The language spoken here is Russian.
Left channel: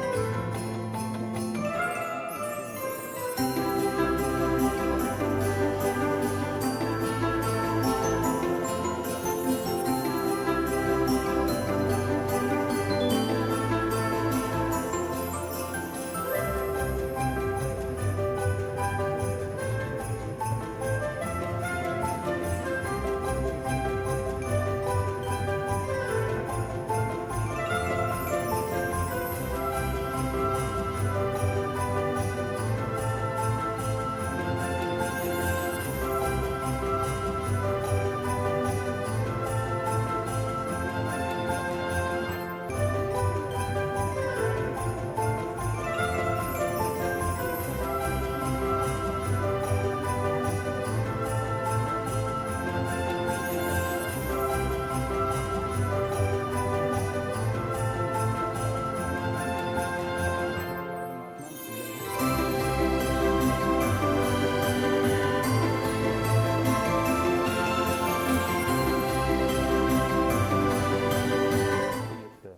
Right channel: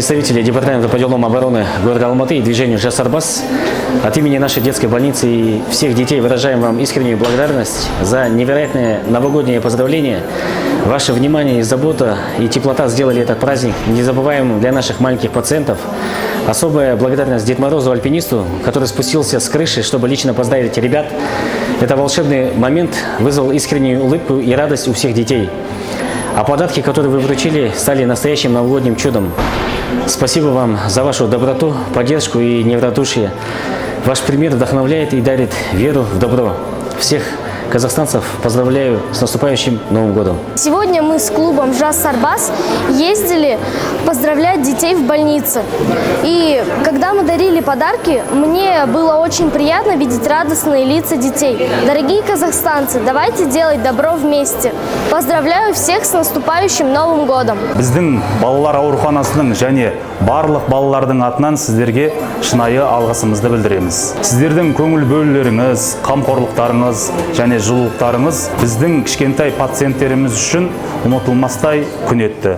представители Департамента по делам обороны города Алматы и движению «Жас Арбас» от имени нашей детской больницы и всех детей выражаем вам искреннюю благодарность за невероятное новогоднее поздравление. Ваше внимание и забота и теплота сделали этот праздник незабываемым для наших маленьких пациентов. Особая благодарность Деду Морозу, альпинисту, который спустился с крыши, чтобы лично поздравить ребят. Это волшебный момент вызвал искреннюю улыбку и радость у всех детей. А подарки, которые вы вручили, стали настоящим новогодним чудом. Спасибо вам за вашу доброту, поддержку и неравнодушие. Ваш пример вдохновляет и дарит веру в добро. Всех казахстанцев поздравляю с наступающим Новым годом. Сегодня мы с клубом «Жас Арбас» ездили поздравлять детей в больнице. И когда мы дарили подарки, мне было очень приятно видеть радостные лица детей. Дорогие казахстанцы, давайте делать добро вместе. Поздравляю всех с наступающим Новым годом. Біздің балалар ауруханасының және барлық балалардың атынан сіздерге шынайы алғысымызды білдіреміз. Сіздердің көңіл бөлулеріңіз, қамқорлықтарыңыз және жылулықтарыңыз біздің кішкентай пациенттеріміз үшін ұмытылмастай күн етті.